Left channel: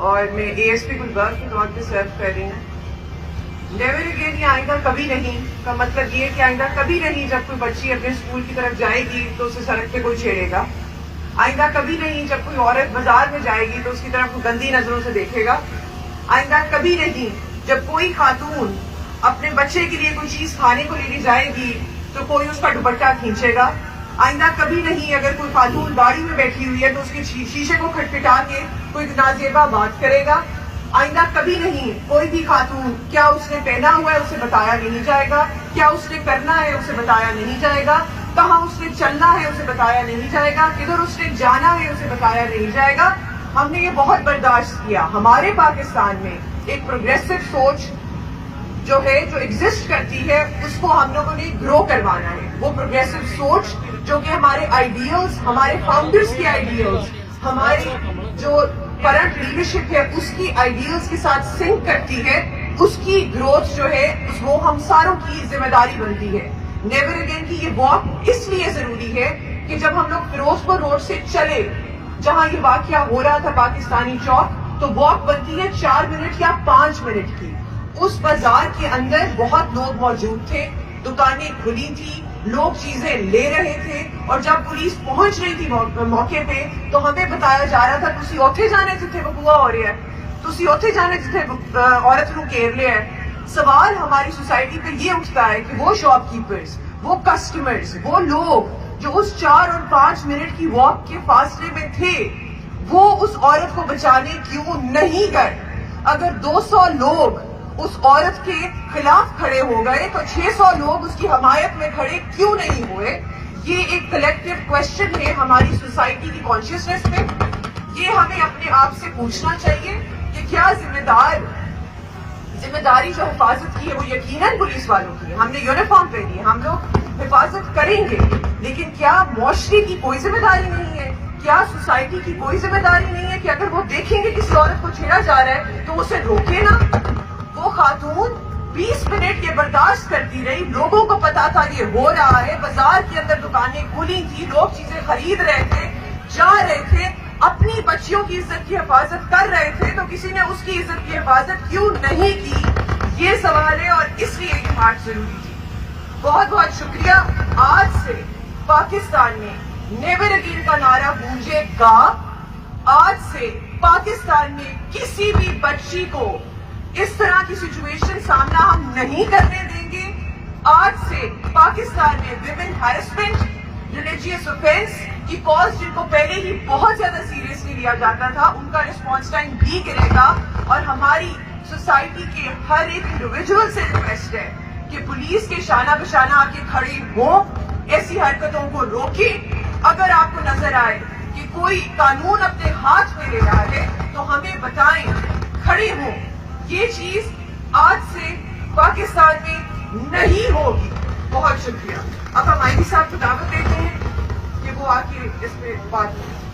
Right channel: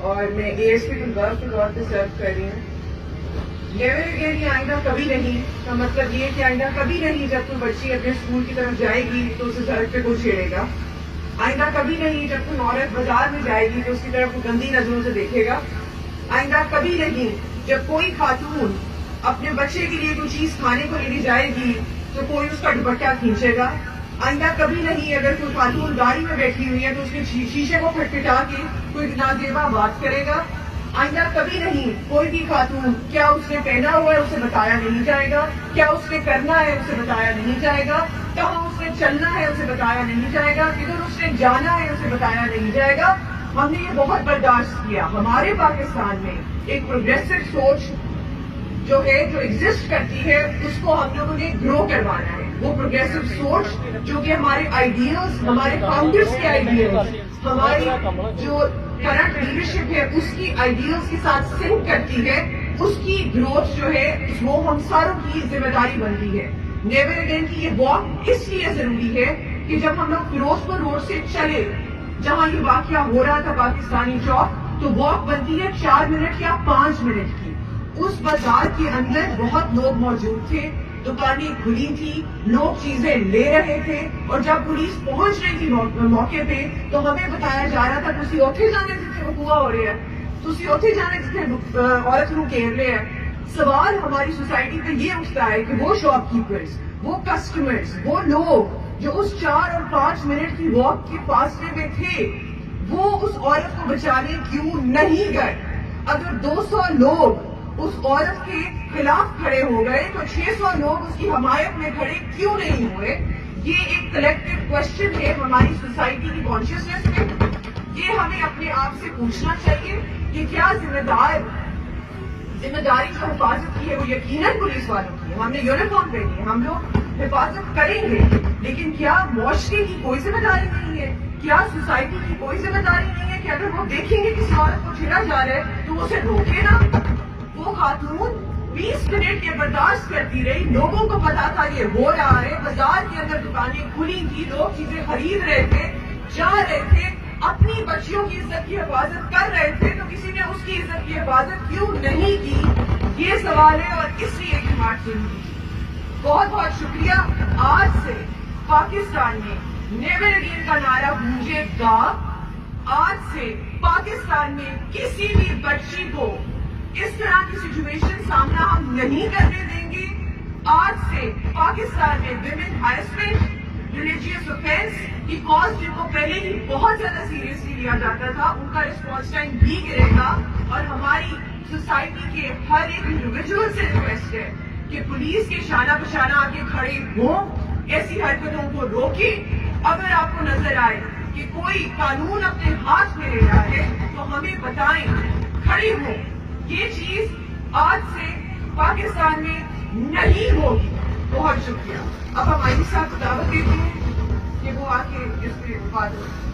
اور میں ASP گلبرگ کے طور پہ سرو کر رہی ہوں. نیور اگین یہ آئندہ کبھی نہیں کا مطلب یہ کہ آئندہ کبھی نہیں جب کوئی بچی اپنے اسکول کی طرف جائے گی تو اسے سڑک پہ کوئی چھیڑے گا. آئندہ کبھی نہیں جب کوئی عورت بازار میں جائے گی تو اس کی طرف کوئی گندی نظروں سے دیکھے گا. آئندہ کبھی نہیں جب کوئی خاتون اپنے بچے کے لیے کوئی چیز کھانے کو لینے جائے گی تو کوئی اس کا دوپٹہ کھینچے گا. آئندہ کبھی نہیں اگر کوئی خاتون گاڑی میں بیٹھی ہوئی ہے تو اس کے شیشے کو کھٹکھٹا کے کوئی نازیبا بات کرے گا. آئندہ کبھی نہیں کوئی بھی خاتون کیا اس نے پہنا ہوا ہے اسے بتایا نہیں جائے گا, کیا اس نے کرنا ہے اسے بتایا نہیں جائے گا, کہاں اس نے چلنا ہے اسے بتایا نہیں جائے گا, کدھر اس نے جانا ہے اسے بتایا نہیں جائے گا. ہم نے یہ بہت برداشت کیا. ہمارے پاکستان میں ایک پروگریسو سوچ جو ہے جو ایگزسٹ کرتی ہے اس کو ہم لوگوں نے گرو کروانا ہے. وہ پروگریسو سوچ جو کہ ہمارے آئیڈیلز, ہمارے فاؤنڈرز کے آئیڈیلز, ہماری جو کرنٹ لیڈرشپ ہے اس کی آئیڈیلز کے ساتھ سنک کرتی ہے, اس کی گروتھ جو ہے وہ ہم ساروں کی ذمہ داری بنتی ہے. نیور اگین کی یہ واک اس لیے ضروری ہے کہ جب ہم لوگ فیروزپور روڈ سے چلے جہاں یہ واقعہ ہو رہا تھا پاکستانی چوک, تو واک بنتی ہے 4 منٹ یا 5 منٹ کی. اس بازار کے اندر بہت لوگ موجود تھے, دکانیں کھلی تھی, لوگ چیزیں لے رہے تھے, اور جب پولیس پہنچ رہی تھی موقع پہ تو ہمیں بتایا جا رہا تھا تسی اوتھے جانے جتھے وقوع ہو رہے ہیں, تسی اوتھے جانے جتھے عورت نو کیولے ہے. سوال ہماری سوسائٹی پہ یہ اٹھتا ہے کہ وہ شاپ کیپرز, وہ کسٹمرز, وہ لوگ جو اس 4 اور 5 منٹ کی واک کے فاصلے میں تھے وہ اس عورت کو بچانے کیوں نہیں گئے؟ اگر 200 لوگ اس عورت کے خلاف کھڑے ہو گئے تو 600 لوگ اس کی حمایت میں کھڑے کیوں نہیں ہوئے؟ یہ ایک کلیکٹیو کوشچن ہے ہماری سوسائٹی کی کانشیسنیس میں. یہ ہمیں اپنے آپ سے پوچھنا چاہیے کہ کیا ذمہ داری جو حفاظت کی ہے وہ یقیناً پولیس والوں کی ہے. ہم نے یونیفارم پہنی ہے, ہم لوگ حفاظت کریں گے, لیکن کیا معاشرے کی کوئی ذمہ داری نہیں ہے؟ کیا سوسائٹی کی کوئی ذمہ داری نہیں ہے کہ اگر وہ دیکھیں گے کسی عورت کو چھیڑا جا رہا ہے تو اسے روکے نا؟ وہ خاتون 20 منٹ یہ برداشت کرتی رہی, لوگوں کو پتا تھا یہ ہو رہا ہے, بازار کے اندر دکانیں کھلی تھی, لوگ چیزیں خرید رہے تھے, جا رہے تھے, اپنی بچیوں کی عزت کی حفاظت کر رہے تھے, تو کسی نے اس کی عزت کی حفاظت کیوں نہیں کی؟ یہ سوال ہے, اور اس لیے یہ بات ضروری تھی. بہت بہت شکریہ. آج سے پاکستان میں نیور اگین کا نعرہ گونجے گا. آج سے پاکستان میں کسی بھی بچی کو اس طرح کی سچویشن سامنا ہم نہیں کرنے دیں گے. آج سے پاکستان میں ویمن ہیرسمنٹ, ریلیجیس آفینس کی کالز جن کو پہلے ہی بہت زیادہ سیریسلی لیا جاتا تھا ان کا رسپانس ٹائم بھی گرے گا. اور ہماری سوسائٹی کے ہر ایک انڈیویجول سے ریکویسٹ ہے کہ پولیس کے شانہ بشانہ آ کے کھڑے ہوں, ایسی حرکتوں کو روکے. اگر آپ کو نظر آئے کہ کوئی قانون اپنے ہاتھ میں لے رہا ہے تو ہمیں بتائیں, کھڑے ہوں. یہ چیز آج سے پاکستان میں نہیں ہوگی. بہت شکریہ. اب ہم آئی جی صاحب کو دعوت دیتے ہیں کہ وہ آ کے اس پہ بات کریں.